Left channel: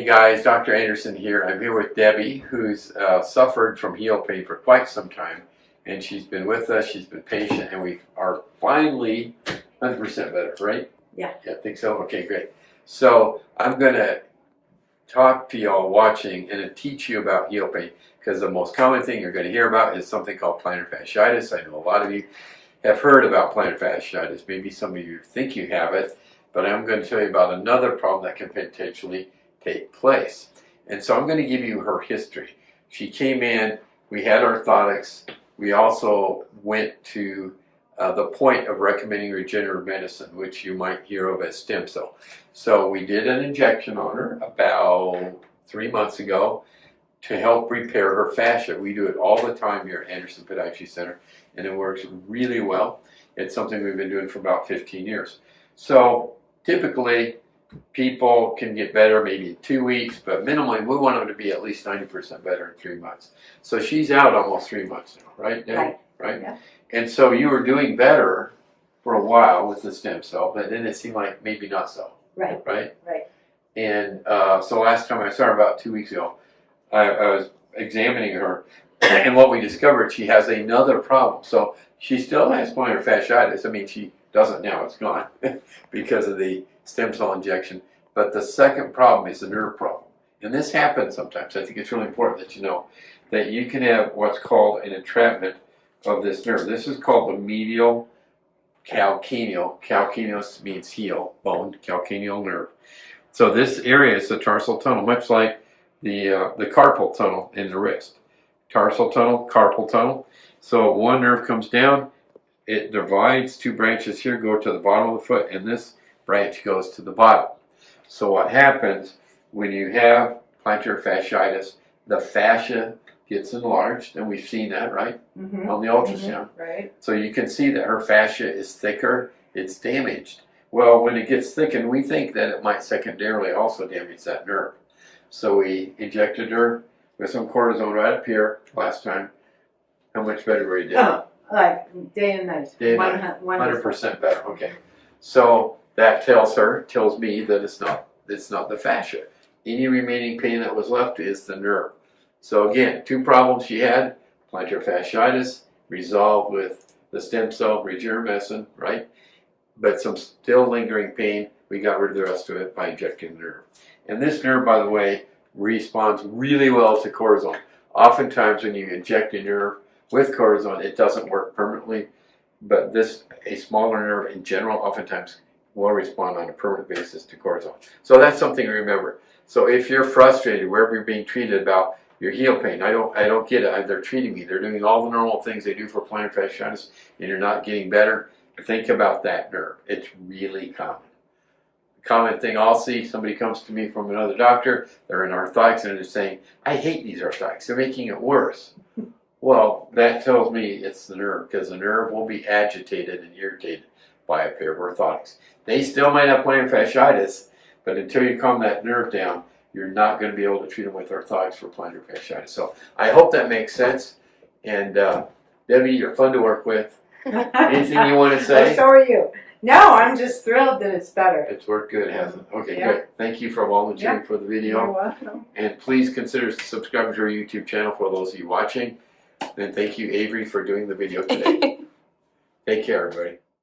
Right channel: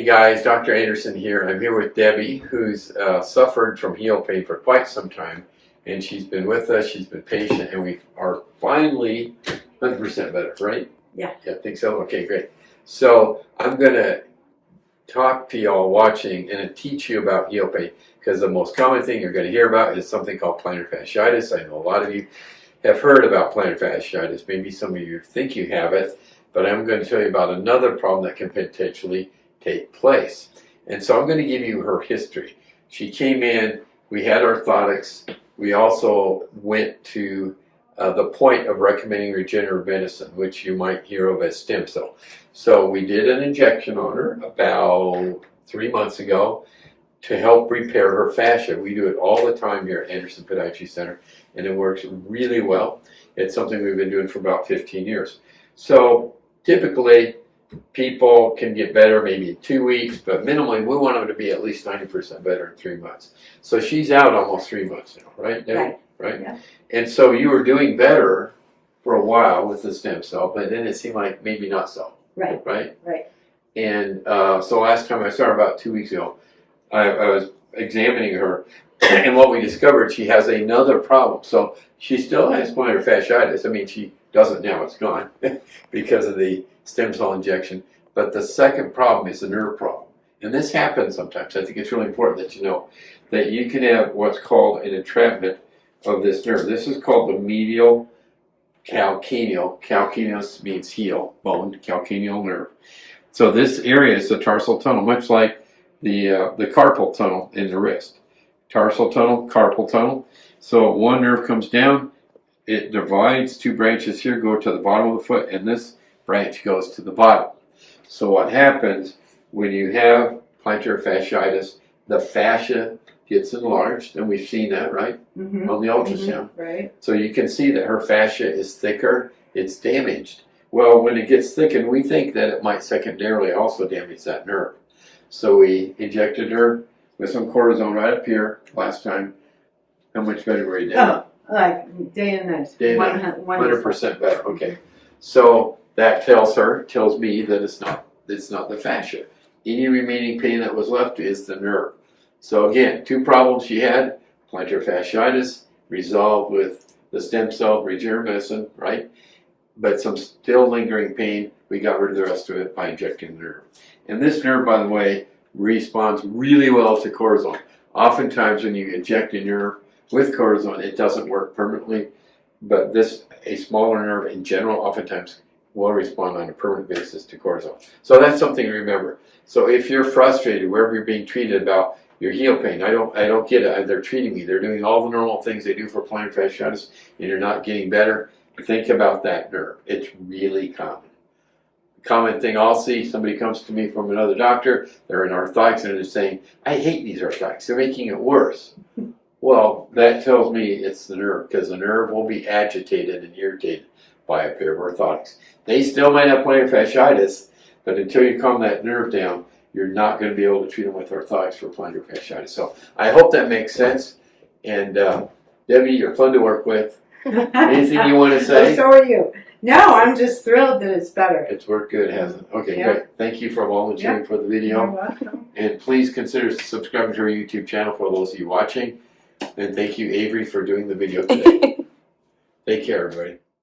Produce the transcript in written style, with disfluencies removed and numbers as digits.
Hey guys, Dr. Anderson here. I'm here with Debbie, who's suffered from heel pain for quite some time, and she's been with us, she's been patient, and we are finally 100% better, right? Yeah. Yeah, I think so? Okay, great. So I'm going to talk to y'all watching and teach you about heel pain, because the most common thing you're going to hear about is something called plantar fasciitis. I know a lot of you have heard about plantar fasciitis. Maybe some of you think you have it, but I'm going to tell you about another problem that can potentially take place. And so I'm going to give you her history. She came in, we had orthotics, we also went to the point of recommending regenerative medicine, which you might hear of as stem cell. So we did an injection on her about 3 months ago to help repair her fascia. We do it all the time here at Anderson Podiatry Center, and it works really well. It's something we've been doing for about 15 years. So typically, people can get better maybe in 2 weeks, but minimally we want them to be at least 90% better in 3 months. So she's out almost 3 months now, right, Debbie? Right? Yeah. And so you were doing better for a while with the stem cell, but then it seemed like maybe not so. Right. Right? Right. And so last time I saw her about 2 weeks ago, I was examining her, and what we discovered, she has another problem. So she still has plantar fasciitis. I mean, she doesn't now, it's gone because of the stem cell injection. But the second problem is a nerve problem. And this happens sometimes. I think it's really important that you know that you can have what's called an entrapment of this nerve. This is called the medial calcaneal. Calcaneus means heel, bone, calcaneal nerve. So this area is the tarsal tunnel, much like the carpal tunnel in the wrist. Tarsal tunnel, carpal tunnel. So one nerve comes down, it divides, two branches here go to the bottom of the foot, and this branch goes to the bottom. So what happens when you have plantar fasciitis, the fascia gets enlarged, and we've seen that, right, on the ultrasound. Right. So you can see that her fascia is thicker, it's damaged. Well, when it gets thickened, we think that it might secondarily also damage that nerve. So we injected her with some cortisone right up here last time. How much better were you doing? Oh, like day and night. Day and night. 100% better. Okay. So that tells me that it's not the fascia. Any remaining pain that was left is the nerve. So again, two problems she had: plantar fasciitis, resolved with the stem cell regenerative medicine, right? But some still lingering pain. We got rid of the rest of it by injecting the nerve. And this nerve, by the way, responds really well to cortisone. Oftentimes when you inject a nerve with cortisone, it doesn't work permanently, but a smaller nerve in general oftentimes will respond on a permanent basis to cortisone. So that's something to remember. So if you're frustrated wherever you're being treated about your heel pain, I don't get it. They're treating me. They're doing all the normal things they do for plantar fasciitis, and you're not getting better. Think about that nerve. It's really common. Common thing I'll see, somebody comes to me from another doctor, they're in orthotics, and they're saying, I hate these orthotics, they're making it worse. Well, that tells me it's the nerve, because the nerve will be agitated and irritated by a pair of orthotics. They still might have plantar fasciitis, but until you calm that nerve down, you're not going to be able to treat them with orthotics for plantar fasciitis. So I hope that makes sense. And Debbie, you're fun to work with. Anything you want to say? So are you. No, I'm just thrilled that it's better. It's worked good, hasn't it? Okay, Yeah. great. Thank you for volunteering for the video. You're welcome. And please consider subscribing to our YouTube channel for those of you watching. And thank you, Avery, for doing the video today. Take care, everybody.